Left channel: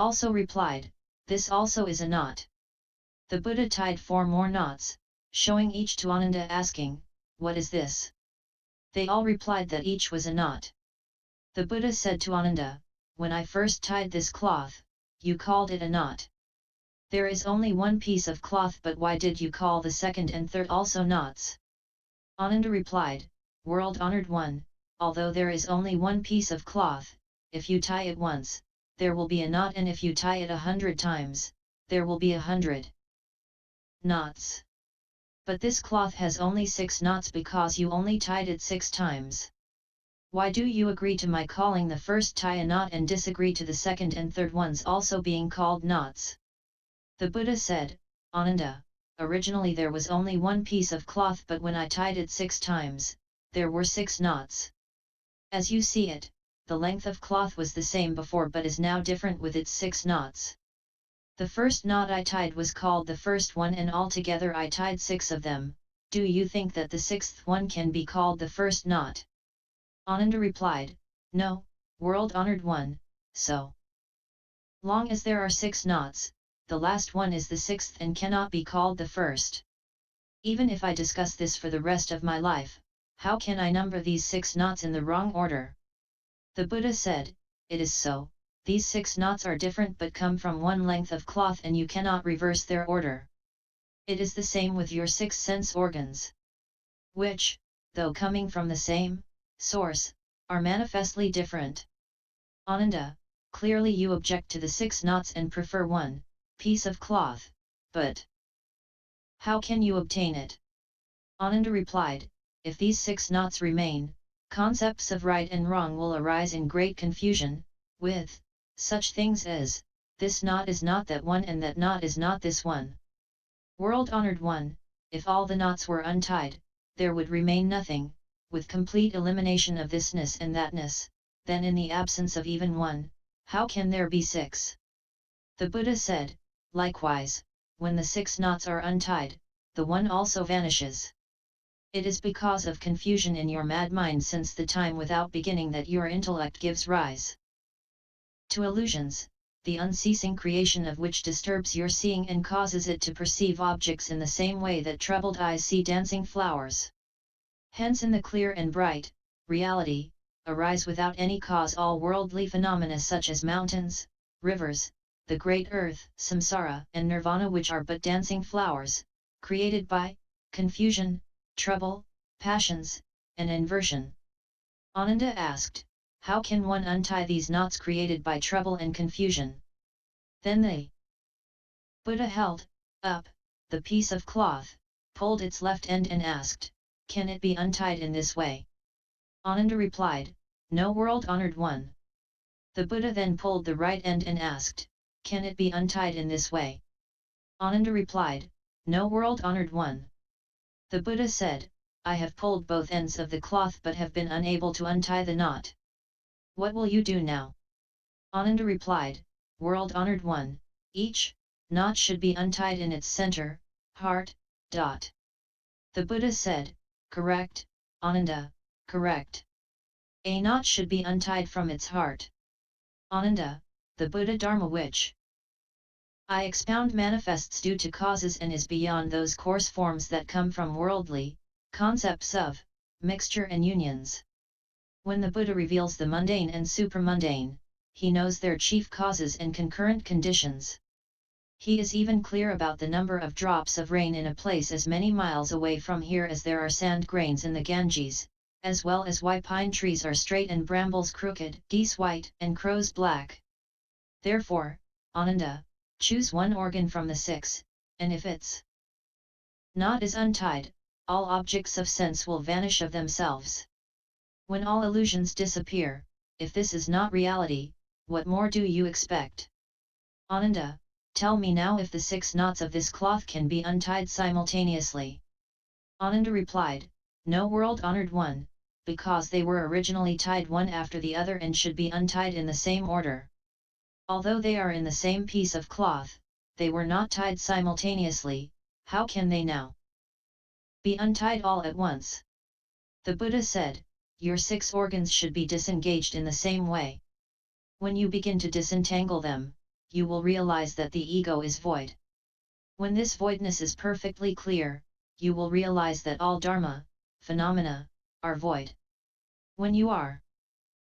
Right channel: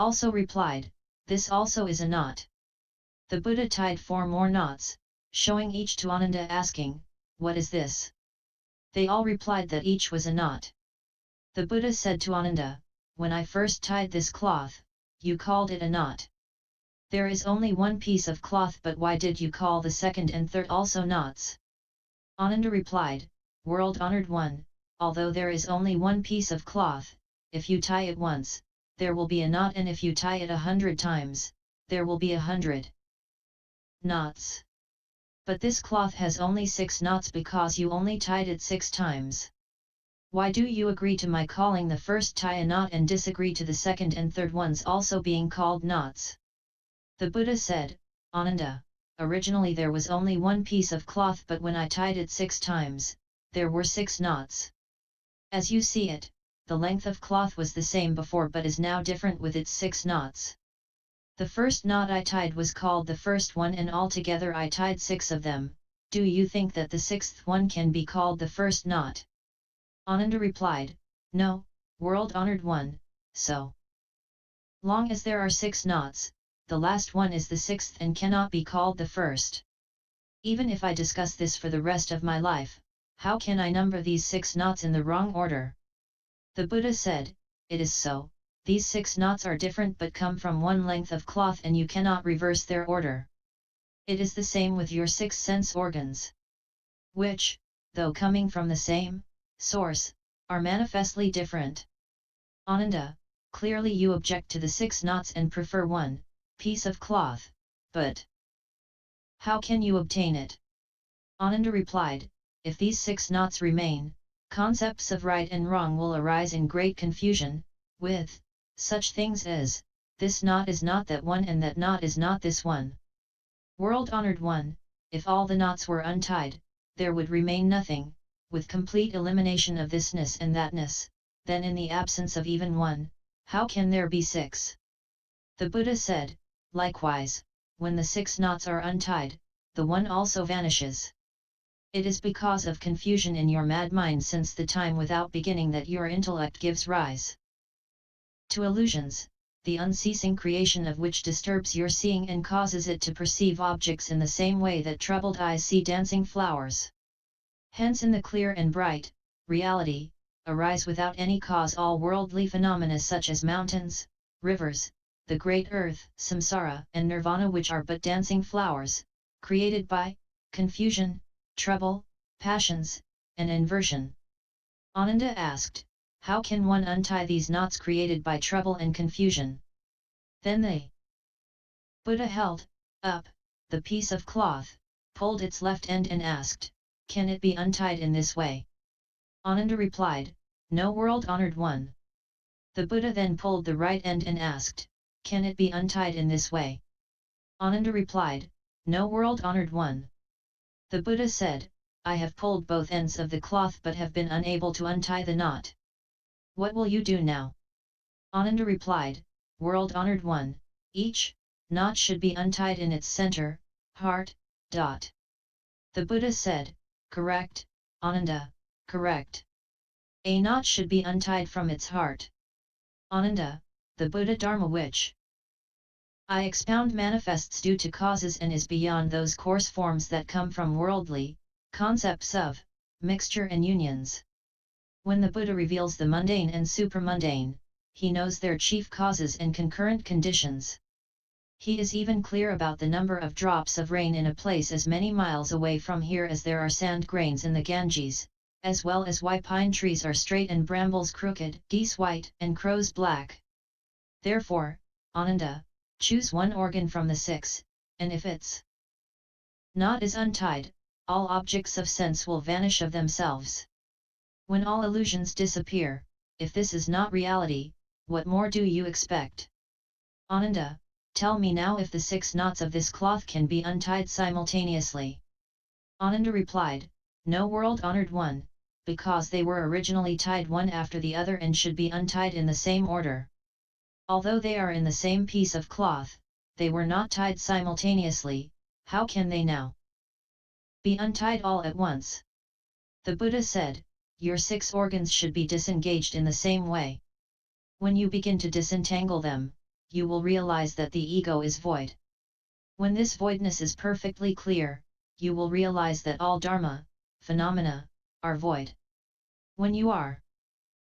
also replied, "This also is a knot." The Buddha tied 4 more knots, showing each to Ananda asking, "What is this?" They all replied that each was a knot. The Buddha said to Ananda, "When I first tied this cloth, you called it a knot. There is only one piece of cloth, but why did you call the second and third also knots?" Ananda replied, "World-honored one, although there is only one piece of cloth, if you tie it once, there will be a knot, and if you tie it 100 times, there will be 100 knots. But this cloth has only 6 knots because you only tied it 6 times. Why do you agree to my calling the first tie a knot and disagree to the second and third ones also being called knots?" The Buddha said, "Ananda, originally there was only one piece of cloth, but when I tied it 6 times, there were 6 knots. As you see it, the length of cloth was the same before but is now different with its 6 knots. The first knot I tied was called the first one, and altogether I tied 6 of them. Do you think that the 6th one can be called the first knot?" Ananda replied, "No, world-honored one, so long as there are 6 knots, the last one is the 6th and cannot be called the first. Even if I discuss this for the rest of my life, how can I number these 6 knots in the wrong order?" The Buddha said, "It is so. These 6 knots are different but come from one length of cloth, and you cannot reverse their order. It is the same with your 6 sense organs, which, though coming from the same source, are manifestly different." Ananda, clearly you object to the 6 knots and prefer one piece of cloth, but how can you obtain it? Ananda replied, "If these 6 knots remain, concepts of right and wrong will arise in great confusion, with such things as, this knot is not that one and that knot is not this one. World-honored one, if all the knots were untied, there would remain nothing, with complete elimination of thisness and thatness, then in the absence of even one, how can there be 6? The Buddha said, "Likewise, when the 6 knots are untied, the one also vanishes. It is because of confusion in your mad mind since the time without beginning that your intellect gives rise to illusions, the unceasing creation of which disturbs your seeing and causes it to perceive objects in the same way that troubled eyes see dancing flowers. Hence in the clear and bright reality, arise without any cause all worldly phenomena such as mountains, rivers, the great earth, samsara and nirvana, which are but dancing flowers, created by confusion, trouble, passions, and inversion." Ananda asked, "How can one untie these knots created by trouble and confusion?" Then the Buddha held up the piece of cloth, pulled its left end and asked, "Can it be untied in this way?" Ananda replied, "No, world-honored one." The Buddha then pulled the right end and asked, "Can it be untied in this way?" Ananda replied, "No, world-honored one." The Buddha said, "I have pulled both ends of the cloth but have been unable to untie the knot. What will you do now?" Ananda replied, "World-honored one, each knot should be untied in its center, heart, dot." The Buddha said, "Correct, Ananda, correct. A knot should be untied from its heart." Ananda, the Buddha Dharma which I expound manifests due to causes and is beyond those coarse forms that come from worldly concepts of mixture and unions. When the Buddha reveals the mundane and supramundane, he knows their chief causes and concurrent conditions. He is even clear about the number of drops of rain in a place as many miles away from here as there are sand grains in the Ganges, as well as why pine trees are straight and brambles crooked, geese white and crows black. Therefore, Ananda, choose one organ from the 6, and if its knot is untied, all objects of sense will vanish of themselves. When all illusions disappear, if this is not reality, what more do you expect? Ananda, tell me now if the 6 knots of this cloth can be untied simultaneously." Ananda replied, "No, world-honored one, because they were originally tied one after the other and should be untied in the same order. Although they are in the same piece of cloth, they were not tied simultaneously, how can they now be untied all at once?" The Buddha said, "Your 6 organs should be disengaged in the same way. When you begin to disentangle them, you will realize that the ego is void. When this voidness is perfectly clear, you will realize that all dharma, phenomena, are void. When you are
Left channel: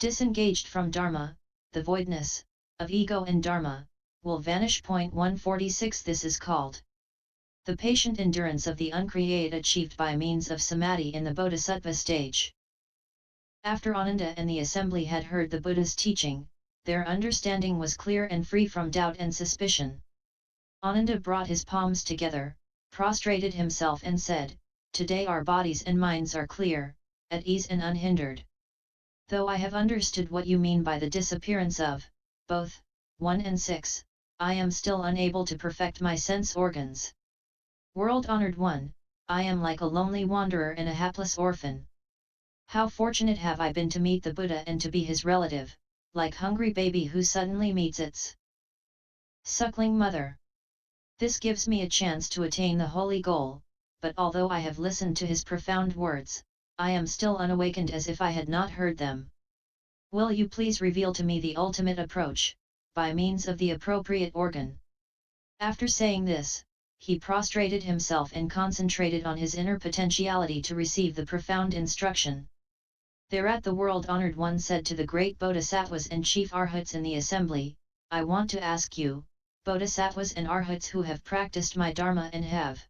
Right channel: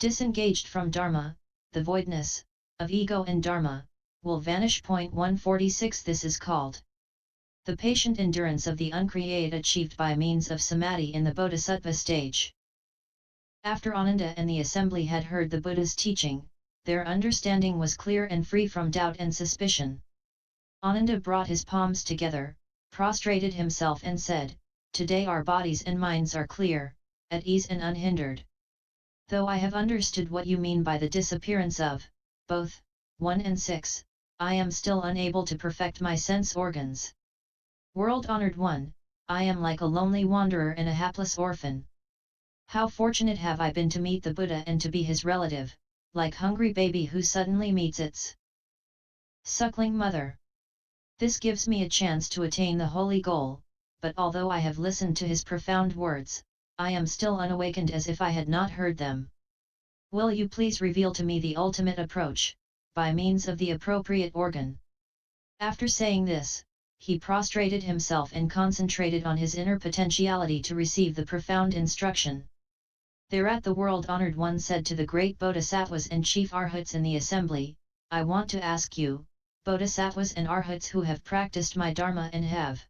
disengaged from dharma, the voidness of ego and dharma will vanish. 146 This is called the patient endurance of the uncreated achieved by means of samadhi in the bodhisattva stage. After Ananda and the assembly had heard the Buddha's teaching, their understanding was clear and free from doubt and suspicion. Ananda brought his palms together, prostrated himself and said, "Today our bodies and minds are clear, at ease and unhindered. Though I have understood what you mean by the disappearance of both 1 and 6, I am still unable to perfect my sense organs. World-honored one, I am like a lonely wanderer and a hapless orphan. How fortunate have I been to meet the Buddha and to be his relative, like hungry baby who suddenly meets its suckling mother. This gives me a chance to attain the holy goal, but although I have listened to his profound words, I am still unawakened as if I had not heard them. Will you please reveal to me the ultimate approach, by means of the appropriate organ?" After saying this, he prostrated himself and concentrated on his inner potentiality to receive the profound instruction. Thereat the world-honored one said to the great bodhisattvas and chief arhats in the assembly, "I want to ask you, bodhisattvas and arhats who have practiced my dharma and have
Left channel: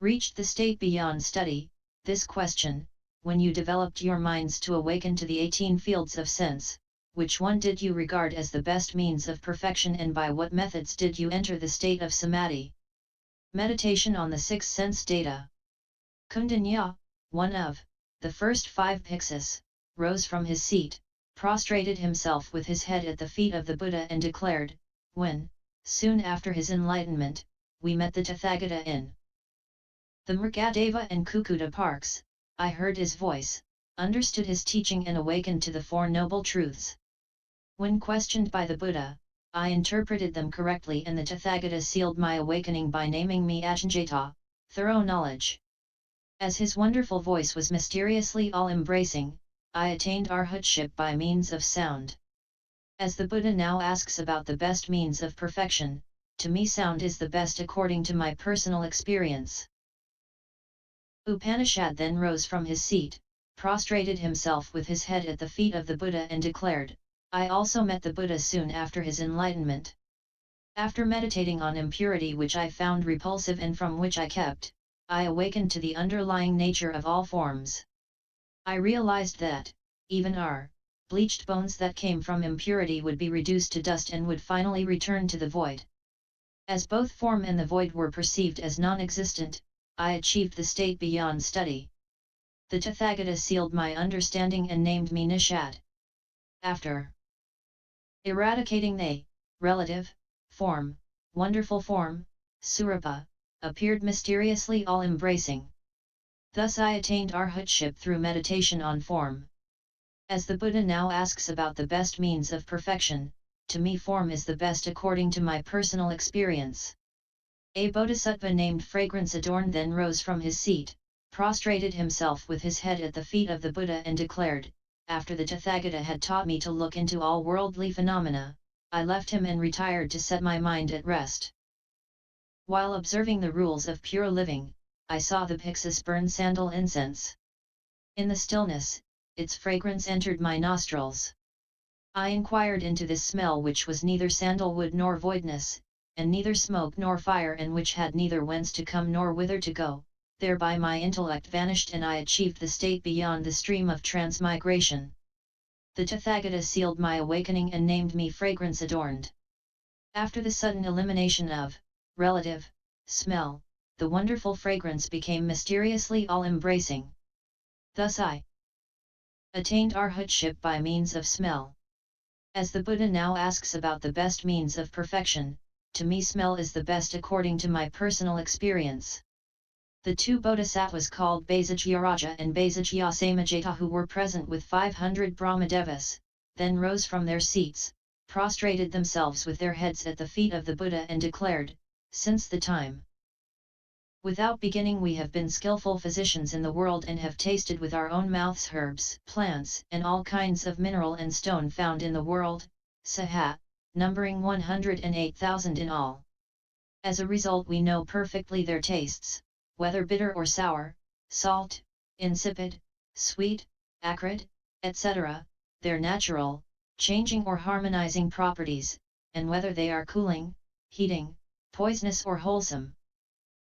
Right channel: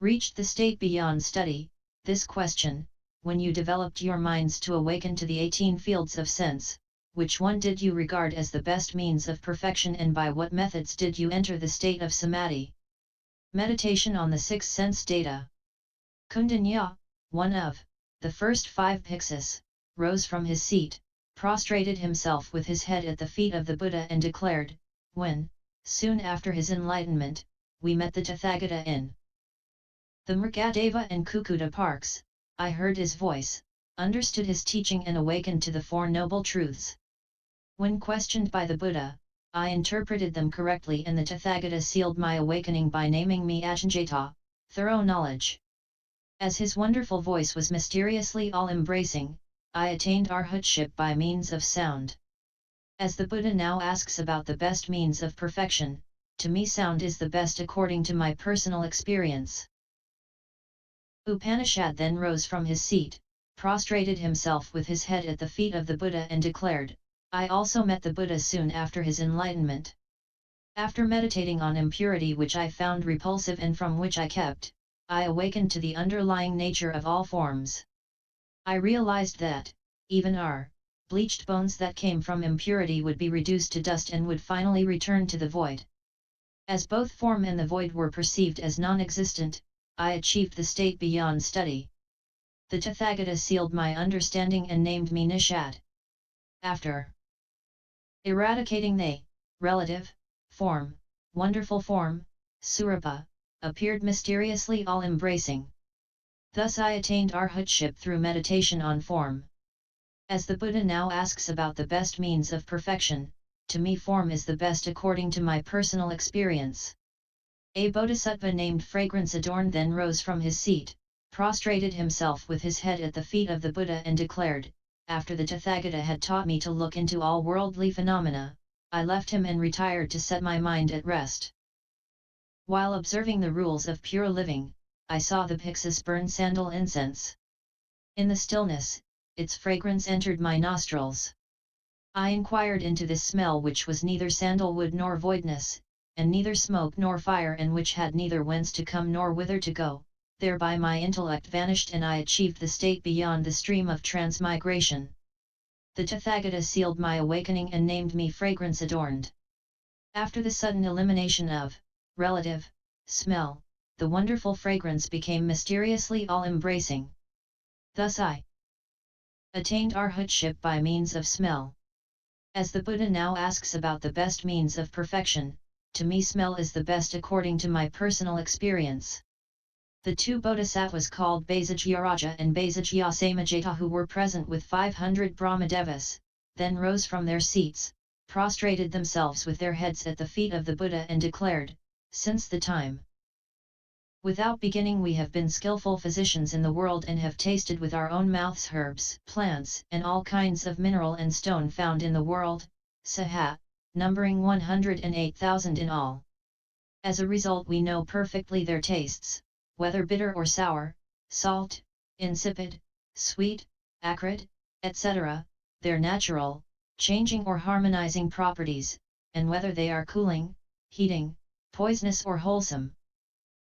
reached the state beyond study, this question: when you developed your minds to awaken to the 18 fields of sense, which one did you regard as the best means of perfection, and by what methods did you enter the state of samadhi?" Meditation on the 6 sense data. Kundanya, one of the first 5 Bhiksus, rose from his seat, prostrated himself with his head at the feet of the Buddha and declared, "When, soon after his enlightenment, we met the Tathagata in the Mrigadeva and Kukuta parks, I heard his voice, understood his teaching and awakened to the 4 noble truths. When questioned by the Buddha, I interpreted them correctly, and the Tathagata sealed my awakening by naming me Ajñata, thorough knowledge. As his wonderful voice was mysteriously all-embracing, I attained arhatship by means of sound. As the Buddha now asks about the best means of perfection, to me sound is the best according to my personal experience." Upanishad then rose from his seat, prostrated himself with his head at the feet of the Buddha and declared, "I also met the Buddha soon after his enlightenment. After meditating on impurity, which I found repulsive and from which I kept, I awakened to the underlying nature of all forms. I realized that, even our bleached bones that came from impurity would be reduced to dust and would finally return to the void. As both form and the void were perceived as non-existent, I achieved the state beyond study. The Tathagata sealed my understanding and named me Nishad. After eradicating the relative form, wonderful form, Surapa, appeared mysteriously all-embracing. Thus I attained arhatship through meditation on form. As the Buddha now asks about the best means of perfection, to me form is the best according to my personal experience." A bodhisattva named Fragrance Adorned then rose from his seat, prostrated himself with his head at the feet of the Buddha and declared, "After the Tathagata had taught me to look into all worldly phenomena, I left him and retired to set my mind at rest. While observing the rules of pure living, I saw the Bhiksus burn sandal incense. In the stillness, its fragrance entered my nostrils. I inquired into this smell, which was neither sandalwood nor voidness, and neither smoke nor fire, and which had neither whence to come nor whither to go. Thereby my intellect vanished and I achieved the state beyond the stream of transmigration. The Tathagata sealed my awakening and named me Fragrance Adorned. After the sudden elimination of relative smell, the wonderful fragrance became mysteriously all-embracing. Thus I attained arhatship by means of smell." As the Buddha now asks about the best means of perfection, to me smell is the best according to my personal experience. The 2 bodhisattvas called Basagyaraja and Basagyasamajata, who were present with 500 Brahmadevas, then rose from their seats, prostrated themselves with their heads at the feet of the Buddha and declared, "Since the time without beginning we have been skillful physicians in the world and have tasted with our own mouths herbs, plants, and all kinds of mineral and stone found in the world, Saha, numbering 108,000 in all. As a result, we know perfectly their tastes, whether bitter or sour, salt, insipid, sweet, acrid, etc., their natural, changing or harmonizing properties, and whether they are cooling, heating, poisonous or wholesome.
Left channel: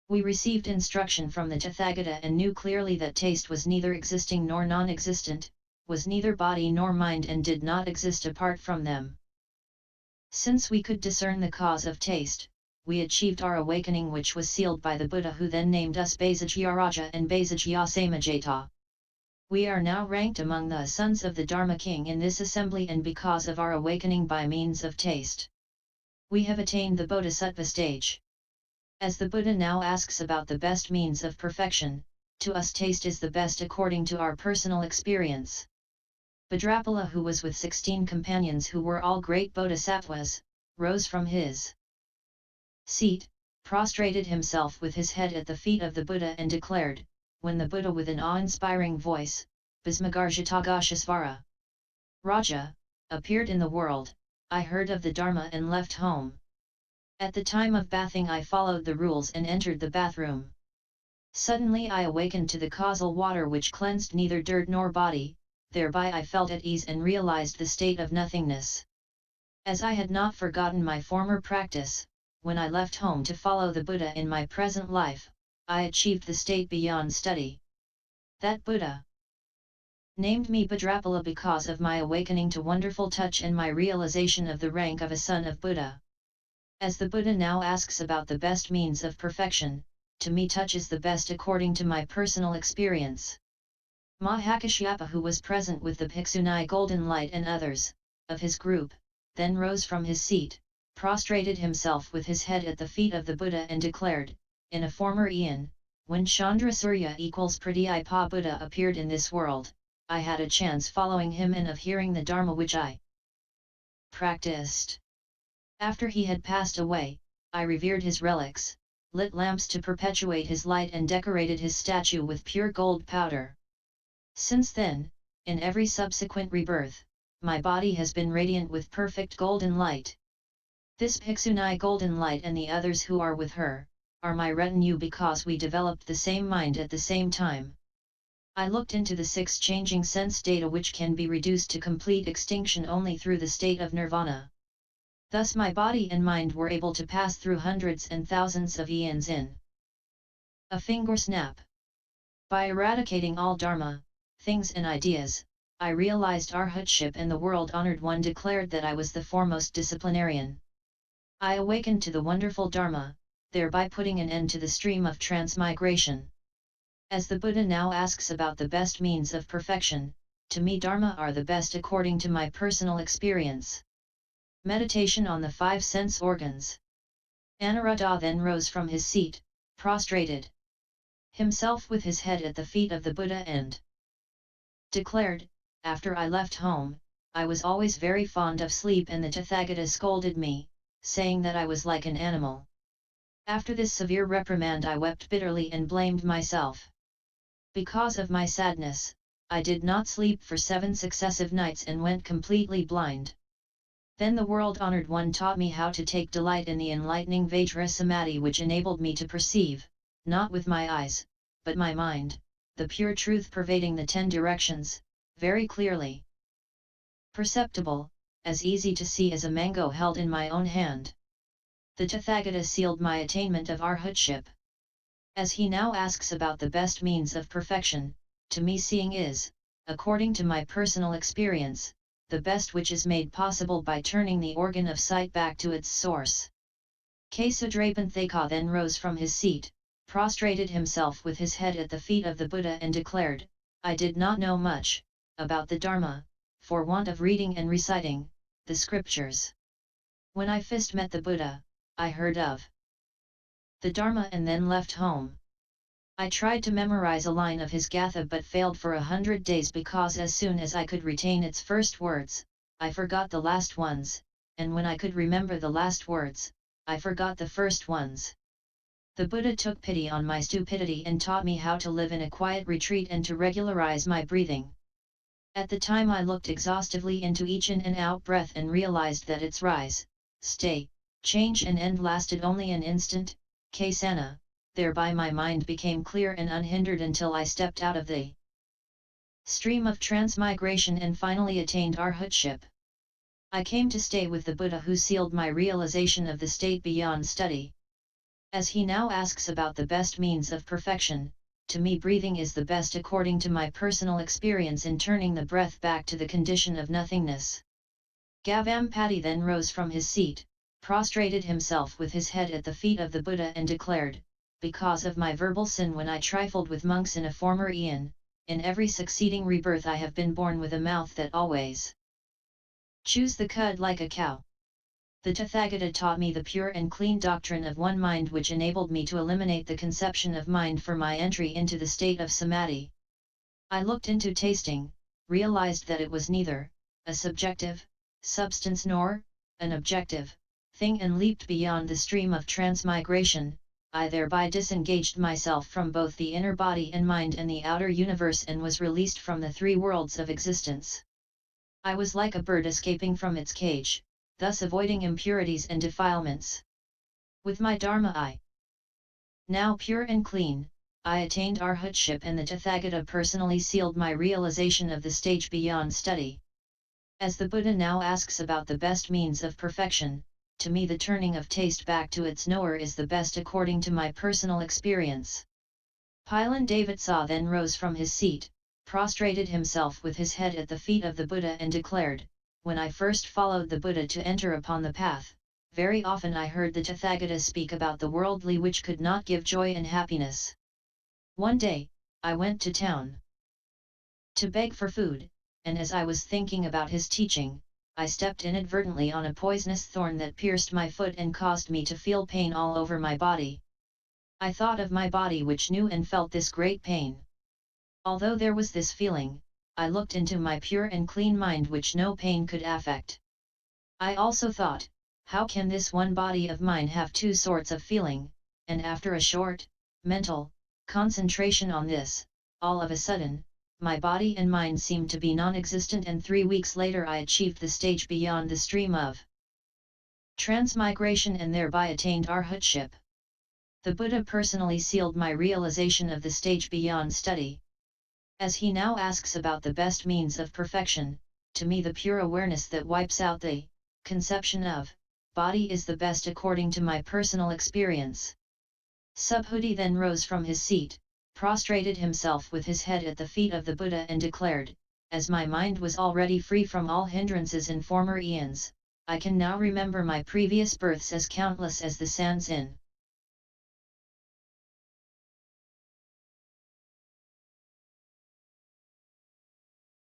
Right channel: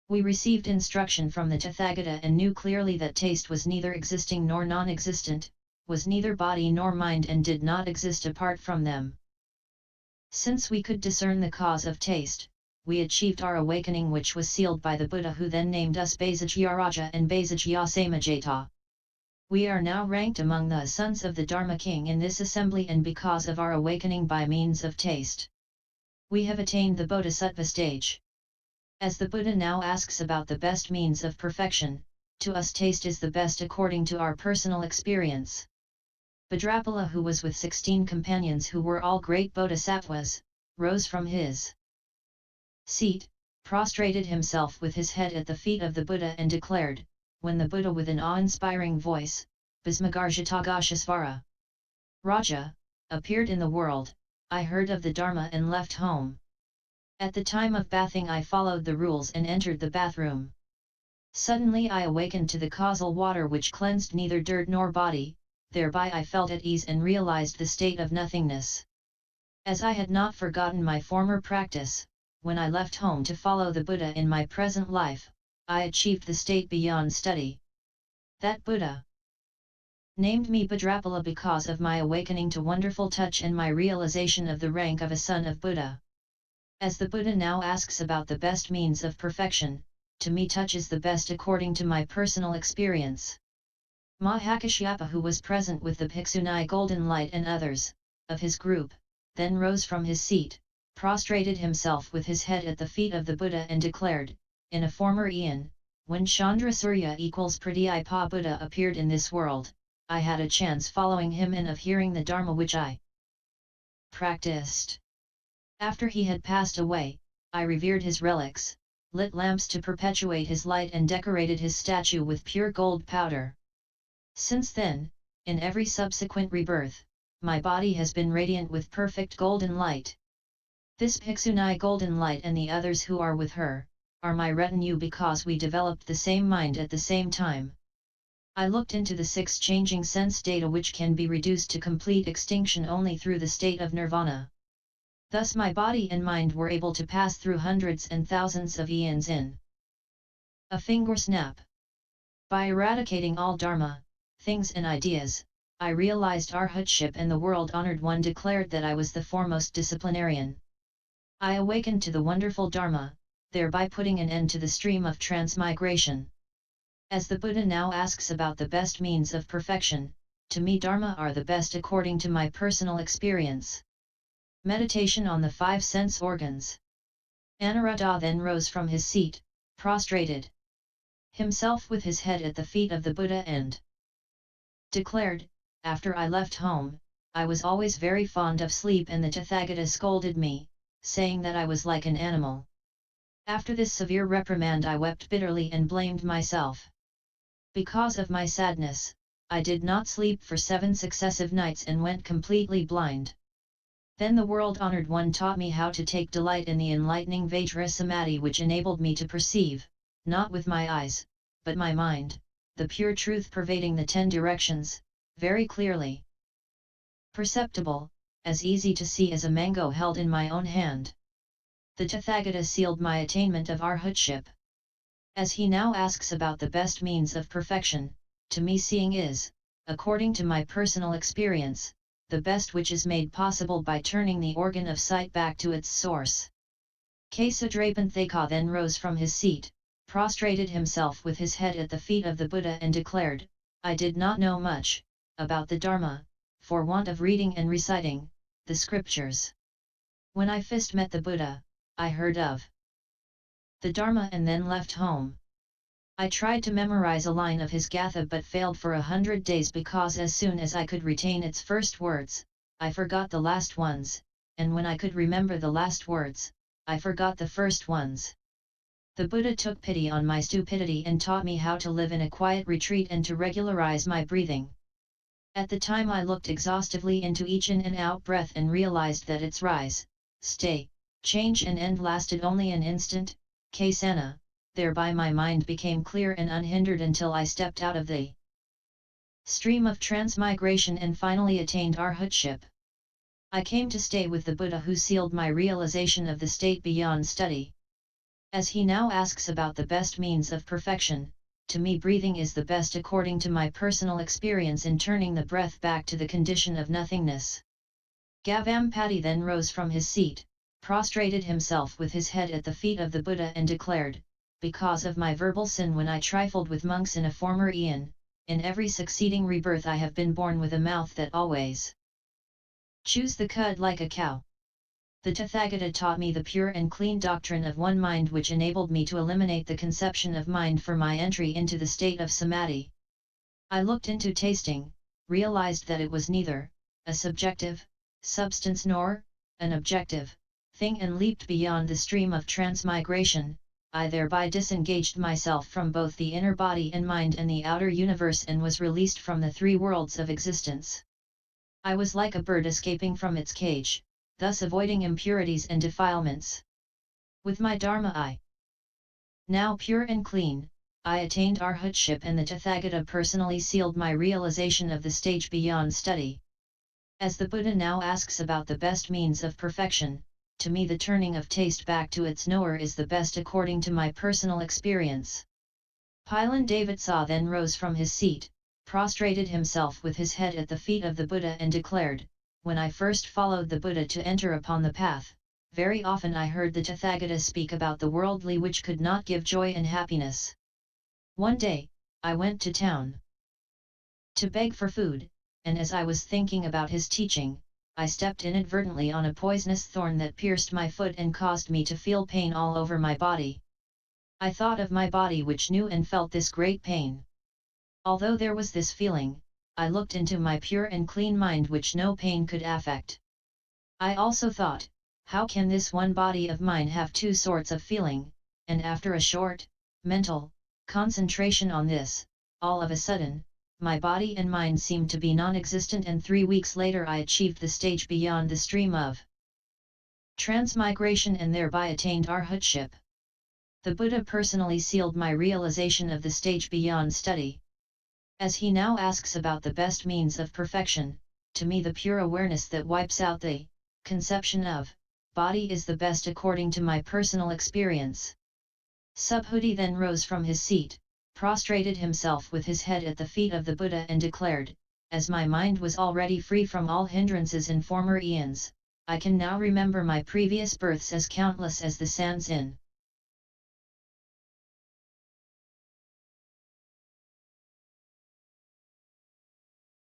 We received instruction from the Tathagata and knew clearly that taste was neither existing nor non-existent, was neither body nor mind and did not exist apart from them. Since we could discern the cause of taste, we achieved our awakening, which was sealed by the Buddha, who then named us Basagyaraja and Basagyasamajaita. We are now ranked among the sons of the Dharma King in this assembly, and because of our awakening by means of taste, we have attained the Bodhisattva stage. As the Buddha now asks about the best means of perfection, to us taste is the best according to our personal experience. Bhadrapala, who was with 16 companions who were all great bodhisattvas, rose from his seat, prostrated himself with his head at the feet of the Buddha and declared, when the Buddha with an awe-inspiring voice, Bhismagarjatagashasvara, Raja, appeared in the world, I heard of the Dharma and left home. At the time of bathing I followed the rules and entered the bathroom. Suddenly I awakened to the causal water which cleansed neither dirt nor body, thereby I felt at ease and realized the state of nothingness. As I had not forgotten my former practice, when I left home to follow the Buddha in my present life, I achieved the state beyond study. That Buddha named me Bhadrapala because of my awakening to wonderful touch and my realization of the rank of a son of Buddha. As the Buddha now asks about the best means of perfection, to me touch is the best according to my personal experience. Mahakashyapa, who was present with the Bhikshuni Golden Light and others, of his group, then rose from his seat, prostrated himself with his head at the feet of the Buddha and declared, in a former eon, when Chandra Surya equals Pradhyapa Buddha appeared in this world, I had a chance following him and of hearing the Dharma which I practiced. After he had passed away, I revered his relics, lit lamps to perpetuate his light and decorated his statue with pure gold powder. Since then, in every subsequent rebirth, my body has been radiant with perfect golden light. This Bhikshuni Golden Light and the others who are with her, are my retinue because we developed the same mind at the same time. I looked into the 6 changing sense data which can be reduced to complete extinction only through the state of nirvana. Thus my body and mind were able to pass through hundreds and thousands of eons in a finger snap. By eradicating all dharma, things and ideas, I realized arhatship, and the world-honored one declared that I was the foremost disciplinarian. I awakened to the wonderful dharma, thereby putting an end to the stream of transmigration. As the Buddha now asks about the best means of perfection, to me dharma are the best according to my personal experience. Meditation on the 5 sense organs. Ananda then rose from his seat, prostrated himself with his head at the feet of the Buddha and declared, after I left home, I was always very fond of sleep and the Tathagata scolded me, saying that I was like an animal. After this severe reprimand I wept bitterly and blamed myself. Because of my sadness, I did not sleep for 7 successive nights and went completely blind. Then the world-honored one taught me how to take delight in the enlightening Vajra Samadhi, which enabled me to perceive, not with my eyes, but my mind, the pure truth pervading the 10 directions, very clearly. Perceptible, as easy to see as a mango held in my own hand. The Tathagata sealed my attainment of arhatship. As he now asks about the best means of perfection, to me seeing is, according to my personal experience, the best which is made possible by turning the organ of sight back to its source. Kesadrapanthaka then rose from his seat, prostrated himself with his head at the feet of the Buddha and declared, I did not know much about the Dharma, for want of reading and reciting the scriptures. When I first met the Buddha, I heard of the Dharma and then left home. I tried to memorize a line of his Gatha but failed for 100 days because as soon as I could retain its first words, I forgot the last ones, and when I could remember the last words, I forgot the first ones. The Buddha took pity on my stupidity and taught me how to live in a quiet retreat and to regularize my breathing. At the time I looked exhaustively into each in and out breath and realized that its rise, stay, change and end lasted only an instant, Kasana, thereby my mind became clear and unhindered until I stepped out of the stream of transmigration and finally attained arhatship. I came to stay with the Buddha who sealed my realization of the state beyond study. As he now asks about the best means of perfection, to me breathing is the best according to my personal experience in turning the breath back to the condition of nothingness. Gavampati then rose from his seat, prostrated himself with his head at the feet of the Buddha and declared, because of my verbal sin when I trifled with monks in a former eon, in every succeeding rebirth I have been born with a mouth that always chews the cud like a cow. The Tathagata taught me the pure and clean doctrine of one mind which enabled me to eliminate the conception of mind for my entry into the state of samadhi. I looked into tasting, realized that it was neither a subjective substance nor an objective thing and leaped beyond the stream of transmigration. I thereby disengaged myself from both the inner body and mind and the outer universe and was released from the three worlds of existence. I was like a bird escaping from its cage, thus avoiding impurities and defilements. With my Dharma now pure and clean, I attained arhatship and the Tathagata personally sealed my realization of the stage beyond study. As the Buddha now asks about the best means of perfection, to me the turning of taste back to its knower is the best according to my personal experience. Pilan Davidsa then rose from his seat, prostrated himself with his head at the feet of the Buddha and declared, when I first followed the Buddha to enter upon the path, very often I heard the Tathagata speak about the worldly which could not give joy and happiness. One day, I went to town to beg for food, and as I was thinking about his teaching, I stepped inadvertently on a poisonous thorn that pierced my foot and caused me to feel pain all over my body. I thought of my body which knew and felt this great pain. Although there was this feeling, I looked into my pure and clean mind which no pain could affect. I also thought, how can this one body of mine have two sorts of feeling, and after a short, mental, concentration on this, all of a sudden, my body and mind seemed to be non-existent and 3 weeks later I achieved the stage beyond the stream of transmigration and thereby attained arhatship. The Buddha personally sealed my realization of the stage beyond study. As he now asks about the best means of perfection, to me the pure awareness that wipes out the conception of body is the best according to my personal experience. Subhuti then rose from his seat, prostrated himself with his head at the feet of the Buddha and declared, as my mind was already free from all hindrances in former eons, I can now remember my previous births as countless as the sands in